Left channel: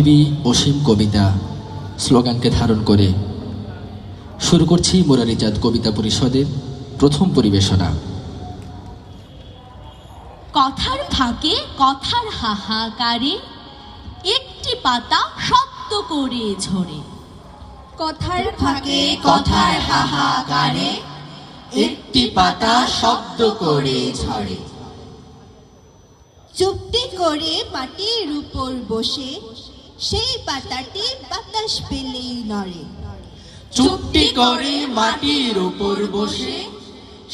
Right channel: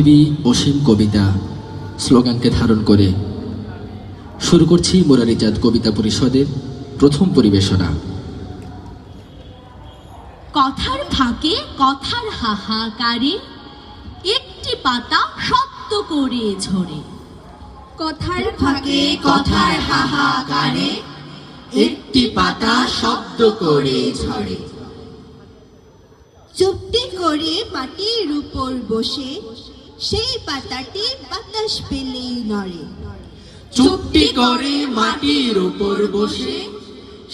অসীম কবিতা স্লোগানকে ধারণ করে শুরু করছি মুরারিজাত কবিতা পরিষদের প্রথম পরিবেশনা। কথার ফাঁকে কথার হাহাকারে একটি পাতা শব্দ করে ঝরে। কথার ফাঁকে কথার হাহাকারে একটি পাতা শব্দ করে ঝরে। চুপটি করে মাটির উপর বসে সেই পাতাটি বাতাস পেলেই নড়ে। চুপটি করে মাটির উপর বসে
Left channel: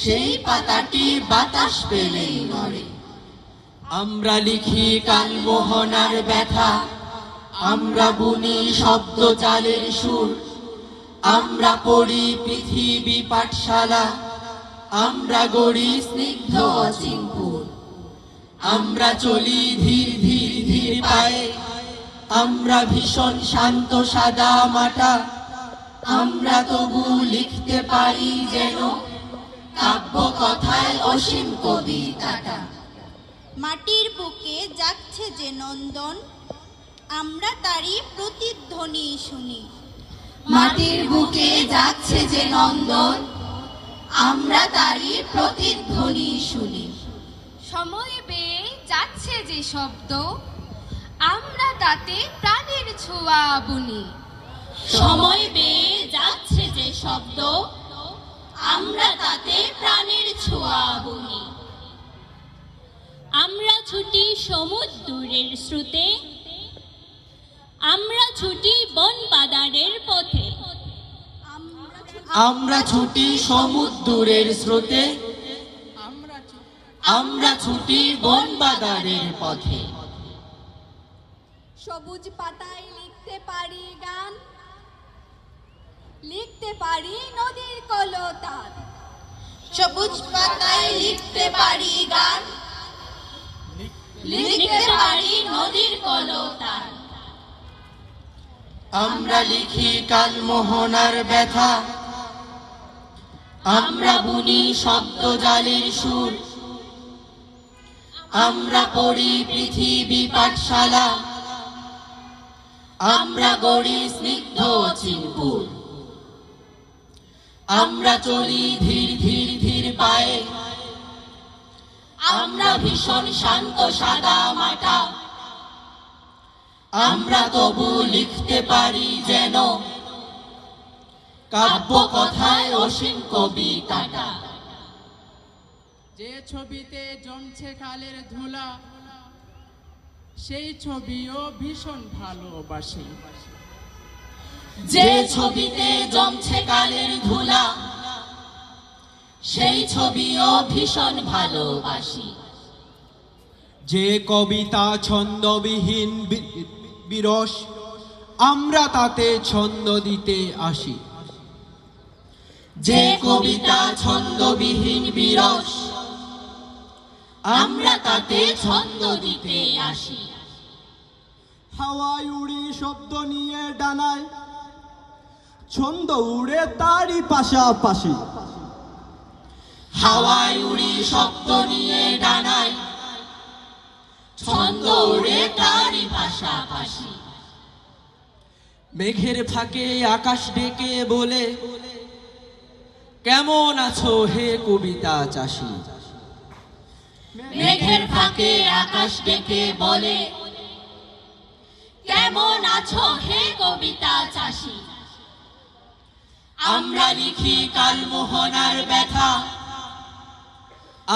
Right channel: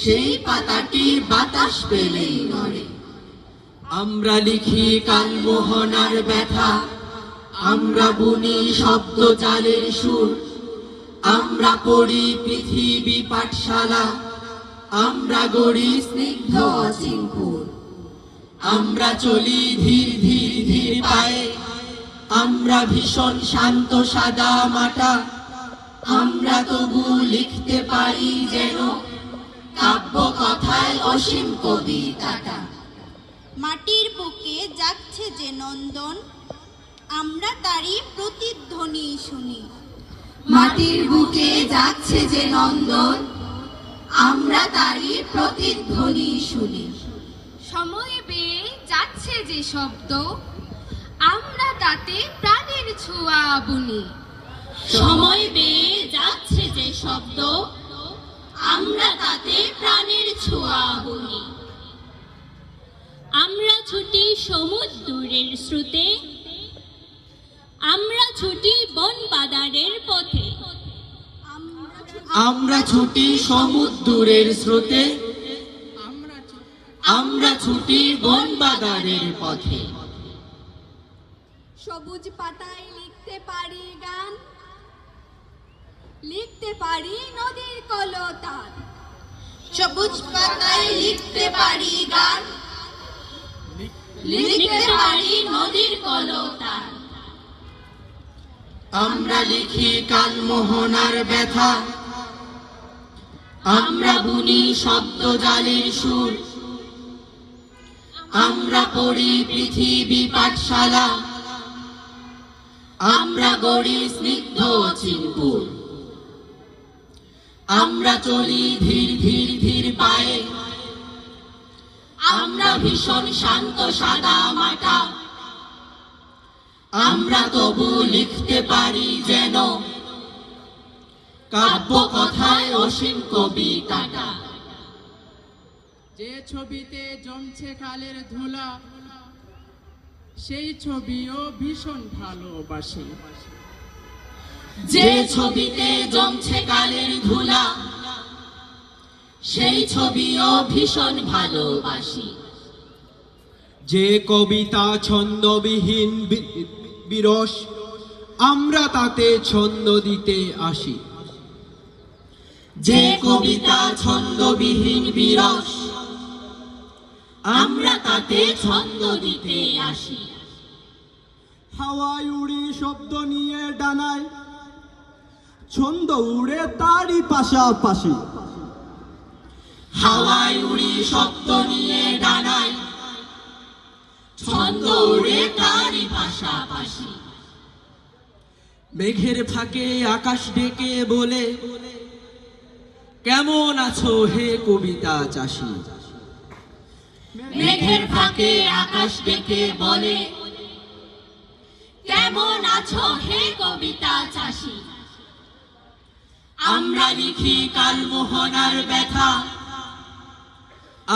সেই পাতাটি বাতাস পেলেই নড়ে। আমরা লিখি কালমোহনার ব্যথা, আমরা বুনি শব্দ জালের সুর, আমরা পড়ি পৃথিবী পাঠশালা, আমরা গড়ি স্নিগ্ধ অচিনপুর। আমরা চলি ধীর ধীর ধীর পায়ে, আমরা ভীষণ শান্ত সাদা মাটা, আমরা তবু লিখতে পারি যেন কাব্য কথায় অসীম কবিতাটা। মাটির বুকে যাচ্ছে যে নন্দন, আমরা তারই প্রতিধ্বনি শুনি। মাটির বুকে যাচ্ছে যে নন্দন, আমরা তারই প্রতিধ্বনি শুনি। সময় বেয়ে যাচ্ছে যে শব্দ, আমরা তাতে প্রাণের ছোঁয়া বুনি। সময় বেয়ে যাচ্ছে যে শব্দ, আমরা তাতে প্রাণের ছোঁয়া বুনি। আমরা ছুটি সমুদ্রের স্রোতে, আমরা ছুটি বন বাদারের পথে। আমরা ছুটি সমুদ্রের স্রোতে, আমরা ছুটি বন বাদারের পথে। সবুজ পাতায় লিখতে পারি গান, লিখতে পারি নদীর কলতান। সবুজ পাতায় লিখতে পারি গান, লিখতে পারি নদীর কলতান। আমরা লিখি কালমোহনার ব্যথা, আমরা বুনি শব্দ জালের সুর, আমরা পড়ি পৃথিবী পাঠশালা, আমরা গড়ি স্নিগ্ধ অচিনপুর। আমরা চলি ধীর ধীর ধীর পায়ে, আমরা ভীষণ শান্ত সাদা মাটা, আমরা তবু লিখতে পারি যেন কাব্য কথায় অসীম কবিতাটা। যে ছবিতে জমছে কালের ধুলা, সেই ছবিও ভীষণ ভালোবাসি। যে ছবিতে জমছে কালের ধুলা, সেই ছবিও ভীষণ ভালোবাসি। যে কবিতা ছন্দবিহীন বিরস, আমরা তাতে ছন্দ দিতে আসি। যে কবিতা ছন্দবিহীন বিরস, আমরা তাতে ছন্দ দিতে আসি। হাওয়ায় উড়ি শব্দ নিয়ে ডানায়, ছন্দ উড়ে তারই পাশাপাশি। হাওয়ায় উড়ি শব্দ নিয়ে ডানায়, ছন্দ উড়ে তারই পাশাপাশি। মেঘের ফাঁকে আকাশ ডেকে বলে, কেমন আছো হে কবিতা চাষী। মেঘের ফাঁকে আকাশ ডেকে বলে, কেমন আছো হে কবিতা চাষী। আমরা লিখি কালমোহনার ব্যথা,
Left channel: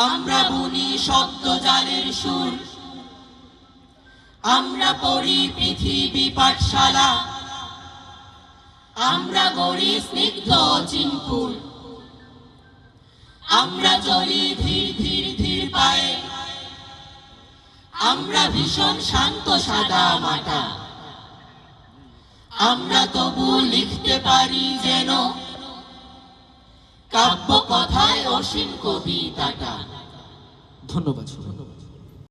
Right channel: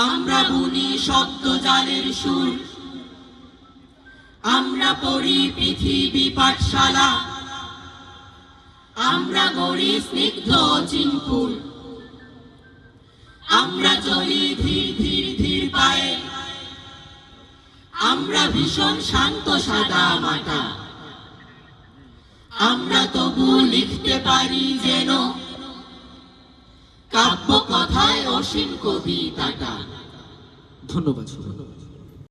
আমরা বুনি শব্দ জালের সুর, আমরা পড়ি পৃথিবী পাঠশালা, আমরা গড়ি স্নিগ্ধ অচিনপুর। আমরা চলি ধীর ধীর ধীর পায়ে, আমরা ভীষণ শান্ত সাদা মাটা, আমরা তবু লিখতে পারি যেন কাব্য কথায় অসীম কবিতাটা। ধন্যবাদ।